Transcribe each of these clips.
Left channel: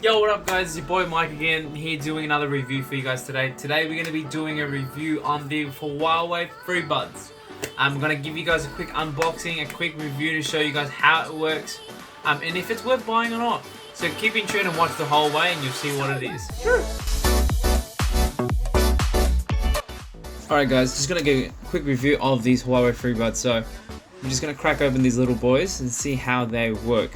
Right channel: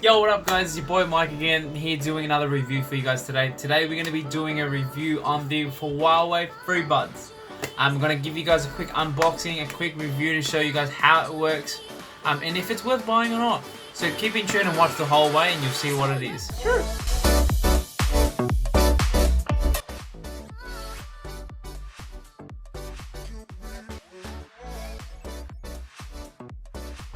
Yo, what up guys, it's your boy Mike again, here doing another review for you guys today. Today we're going to be doing a review on the Huawei Freebuds. I'm going to give you guys a quick unboxing, a quick review to show you guys how it works, and if it's worth buying or not. So keep in tune and watch the whole way and you'll see what it is. Sure. Alright guys, just going to give a quick review of these Huawei Freebuds. So I'm just going to crack open these little boys and see how they work.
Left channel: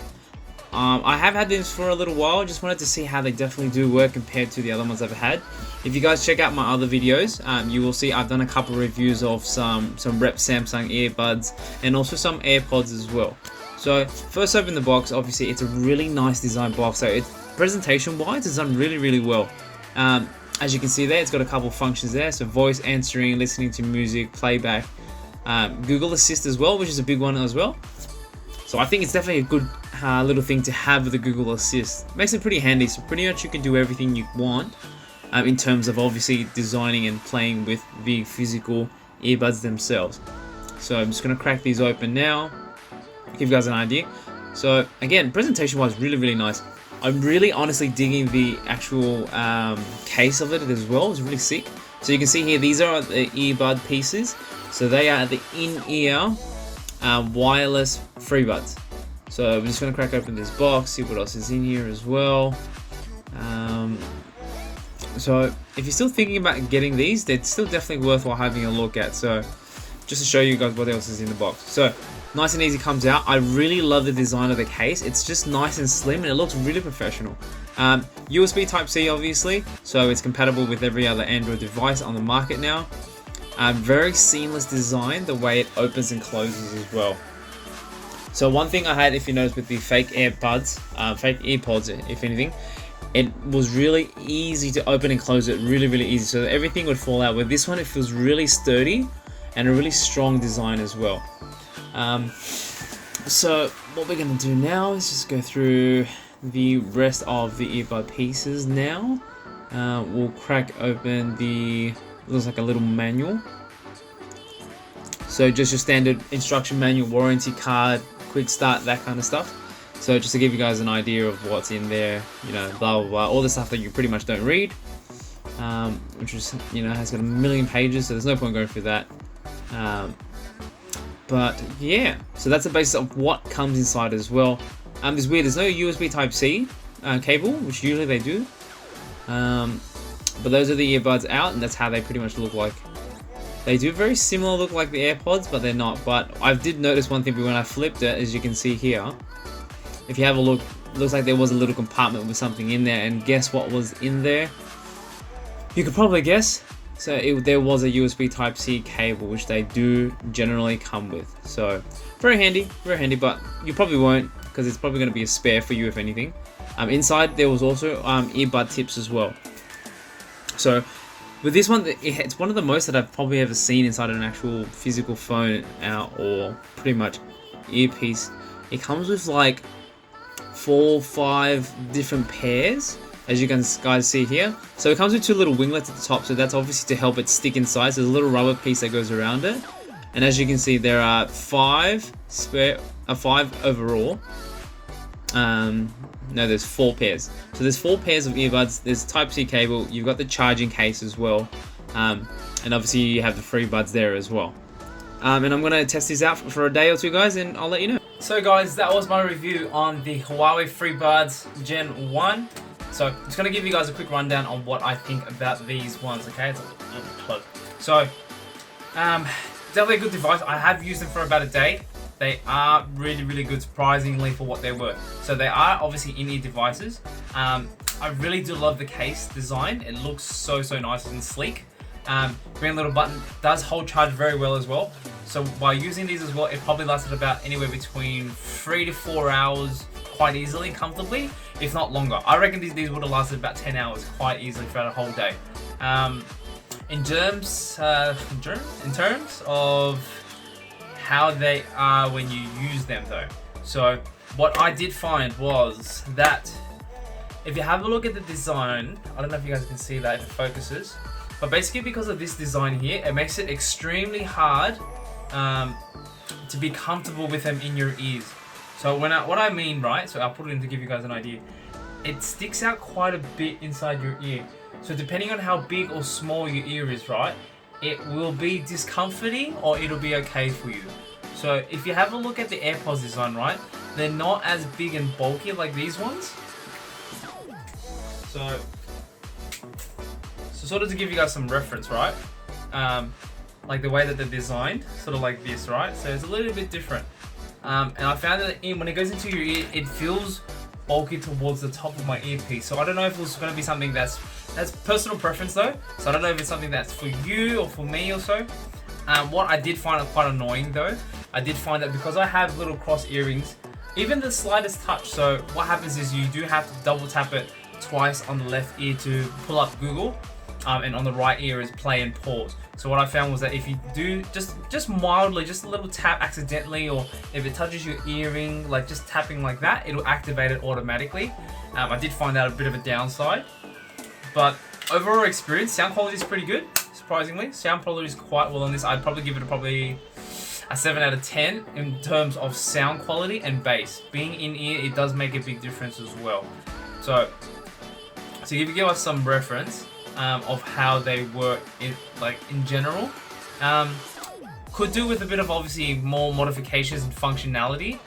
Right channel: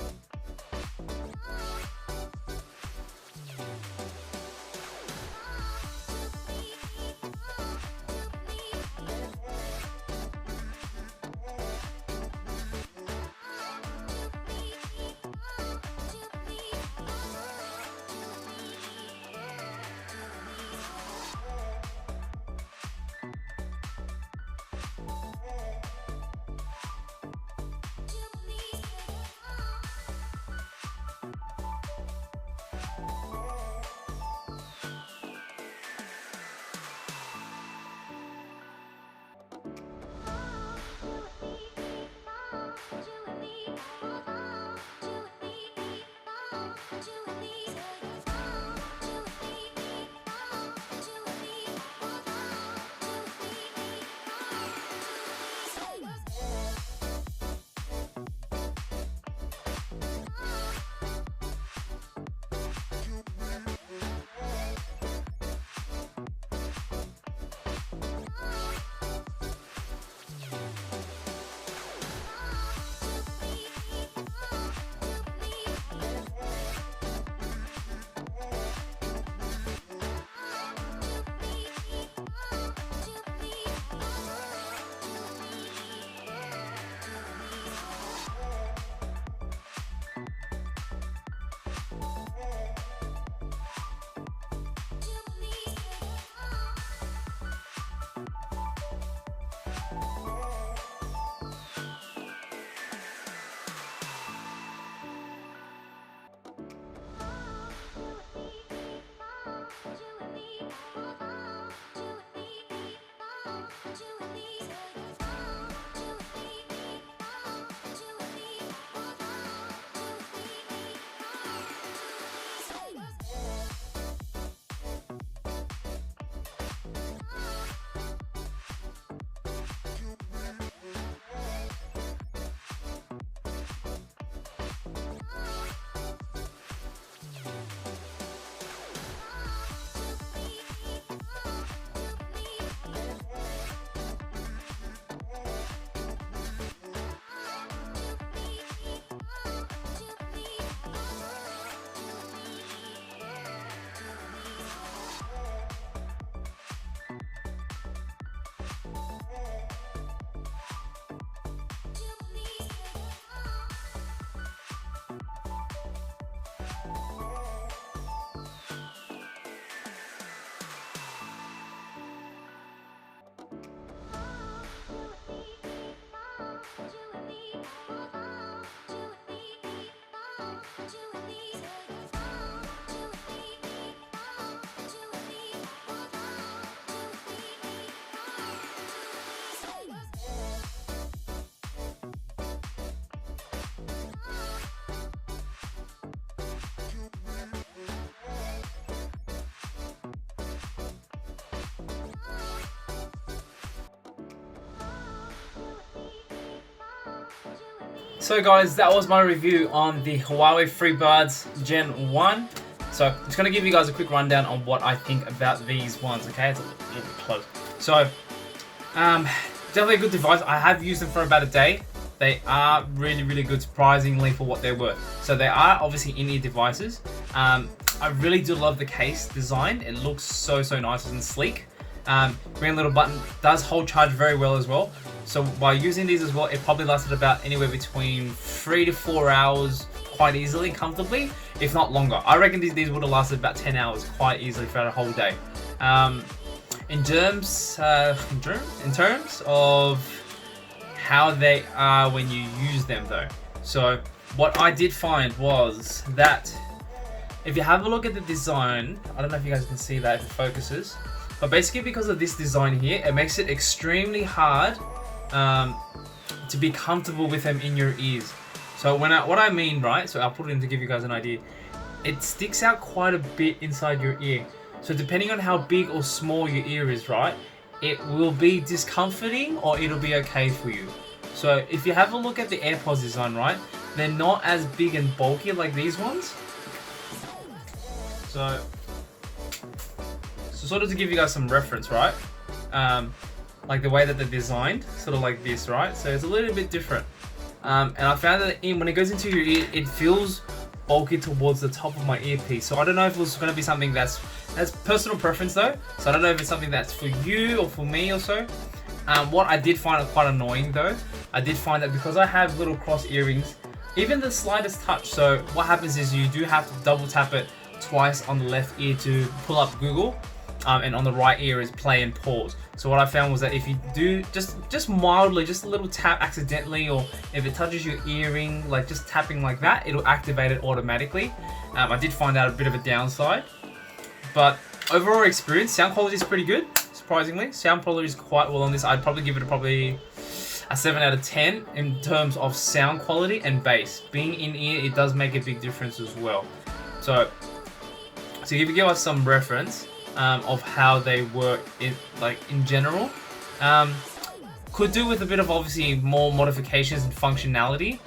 I have had this for a little while, just wanted to see how they definitely do work compared to the other ones I've had. If you guys check out my other videos, you will see I've done a couple of reviews of some rep Samsung earbuds and also some AirPods as well. So first open the box, obviously it's a really nice design box, so presentation wise it's done really well. As you can see there, it's got a couple of functions there, so voice answering, listening to music, playback, Google Assist as well, which is a big one as well. So I think it's definitely a good little thing to have with the Google Assist. Makes it pretty handy, so pretty much you can do everything you want in terms of obviously designing and playing with the physical earbuds themselves. So I'm just going to crack these open now, give you guys an idea. So again, presentation wise really nice. I'm really honestly digging the actual case of it as well. It's really sick. So you can see here, these are the earbud pieces. So they are the in-ear wireless Freebuds. So I'm just going to crack open this box, see what else is in here as well. So if you're still thinking about getting these, they're still definitely worthwhile having a look at. So just to show you guys what else is in the box. So nice and easy comes out. I really love the design of the case. It's just nice and slim and it looks really professional. USB Type-C obviously, so it's compatible with every other Android device on the market now. Very seamless design, the way it opens and closes as well. So one thing I had, if you notice, with the fake AirPods, fake EarPods, if anything, it was really easy to open and close it, really easy, so that everything would fall out. With this one, it feels really sturdy and a really strong design as well. So what we're going to do now is just go through the rest of the earbud pieces now. We'll crack open the, looks like a little manual. So just your standard instruction manual, warranty card, quick start, that kind of stuff. So just to give you guys an idea of what's in there, you know, blah blah, all the stuff that you pretty much don't read, which is, you know, has got a million pages, so there's no point going through that. But yeah, so that's the basis of what comes inside as well. It's weird, there's no USB Type-C cable, which usually they do. But those are the earbuds out, and that's how they pretty much look like. They do very similar look like the AirPods, but they're not. But I did notice one thing when I flipped it, as you can see here. If you have a look, it looks like there was a little compartment with something in there, and guess what was in there? You could probably guess. So there was a USB Type-C cable, which they do generally come with. So very handy, but you probably won't, because it's probably going to be a spare for you if anything. Inside there was also earbud tips as well. So with this one, it's one of the most that I've probably ever seen inside an actual physical phone or pretty much earpiece. It comes with like 4 or 5 different pairs, as you can guys see here. So it comes with 2 little winglets at the top, so that's obviously to help it stick inside. So there's a little rubber piece that goes around it. And as you can see, there are 5 overall. No, there's 4 pairs. So there's 4 pairs of earbuds. There's Type-C cable. You've got the charging case as well, and obviously you have the Freebuds there as well. And I'm gonna test these out for a day or 2, guys, and I'll let you know. So guys, that was my review on the Huawei Freebuds Gen 1. So I'm just gonna give you guys a quick rundown on what I think about these ones. Okay, it's a little bit close. So definitely a good device. I have used them for about a day. They are really good, surprisingly, for what they're worth. So they are obviously in-ear devices. I really do love the case design. It looks so nice and sleek. Green little button does hold charge very well as well. So by using these as well, it probably lasted about anywhere between 3 to 4 hours quite easily, comfortably, if not longer. I reckon these would have lasted about 10 hours quite easily throughout a whole day. In terms of how they are when you use them though. So what I did find was that if you have a look at the design, I don't know if you guys can see that if it focuses, but basically because of this design here, it makes it extremely hard to be comfortable with them in your ears. So what I mean, right, so I'll put it in to give you guys an idea. it sticks out quite a bit inside your ear. So depending on how big or small your ear is, right, it will be discomforting or it'll be okay for you. So if you have a look at the AirPods design, right, they're not as big and bulky like these ones. So sort of to give you guys some reference, right, like the way that they're designed, sort of like this, right, so it's a little bit different. And I found that when it goes into your ear, it feels bulky towards the top of my earpiece. So I don't know if it's going to be something that's personal preference though. So I don't know if it's something that's for you or for me or so. What I did find quite annoying though, I did find that because I have little cross earrings, even the slightest touch. So what happens is you do have to double tap it twice on the left ear to pull up Google. And on the right ear is play and pause. So what I found was that if you do just mildly, just a little tap accidentally, or if it touches your earring, like just tapping like that, it'll activate it automatically. I did find out a bit of a downside, but overall experience, sound quality is pretty good. Surprisingly, sound quality is quite well on this. I'd probably give it a 7 out of 10 in terms of sound quality and bass. Being in ear, it does make a big difference as well. So if you give us some reference of how they work in general, could do with a bit of obviously more modifications and functionality.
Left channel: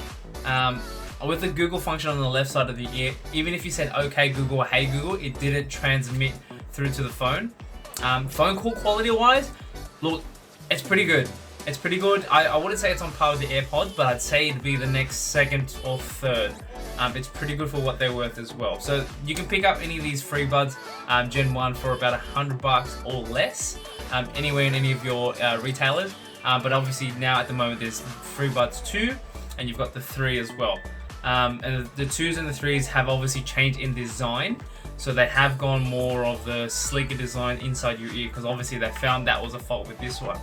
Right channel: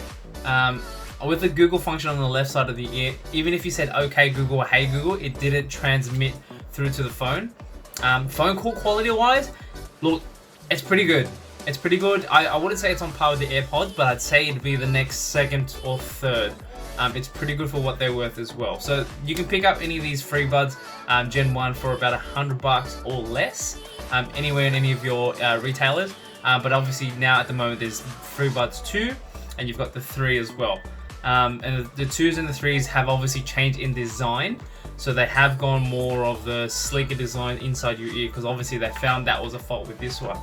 With the Google function on the left side of the ear, even if you said okay Google or hey Google, it didn't transmit through to the phone. Phone call quality wise, look, it's pretty good. It's pretty good. I wouldn't say it's on par with the AirPods, but I'd say it'd be the next second or third. It's pretty good for what they're worth as well. So you can pick up any of these Freebuds Gen 1 for about $100 or less, anywhere in any of your retailers. But obviously now at the moment there's Freebuds 2 and you've got the 3 as well. And the 2s and the 3s have obviously changed in design. So they have gone more of the sleeker design inside your ear, because obviously they found that was a fault with this one.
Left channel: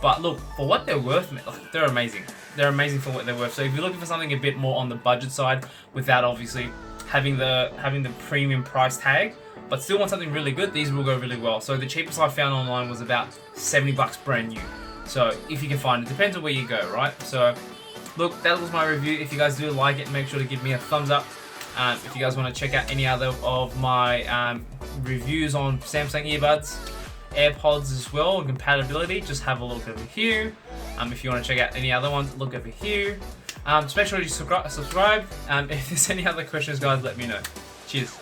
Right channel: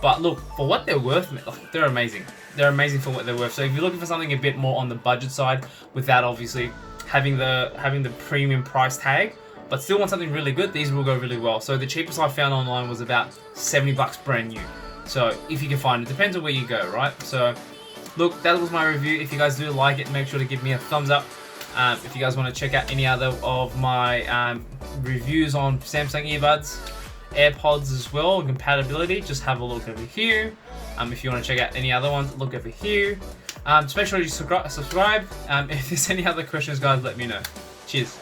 But look, for what they're worth, they're amazing. They're amazing for what they're worth. So if you're looking for something a bit more on the budget side, without obviously having the premium price tag, but still want something really good, these will go really well. So the cheapest I found online was about $70 brand new. So if you can find it, depends on where you go, right? So look, that was my review. If you guys do like it, make sure to give me a thumbs up. If you guys want to check out any other of my reviews on Samsung earbuds, AirPods as well, compatibility, just have a look over here. If you want to check out any other ones, look over here. Just make sure you subscribe. If there's any other questions, guys, let me know. Cheers.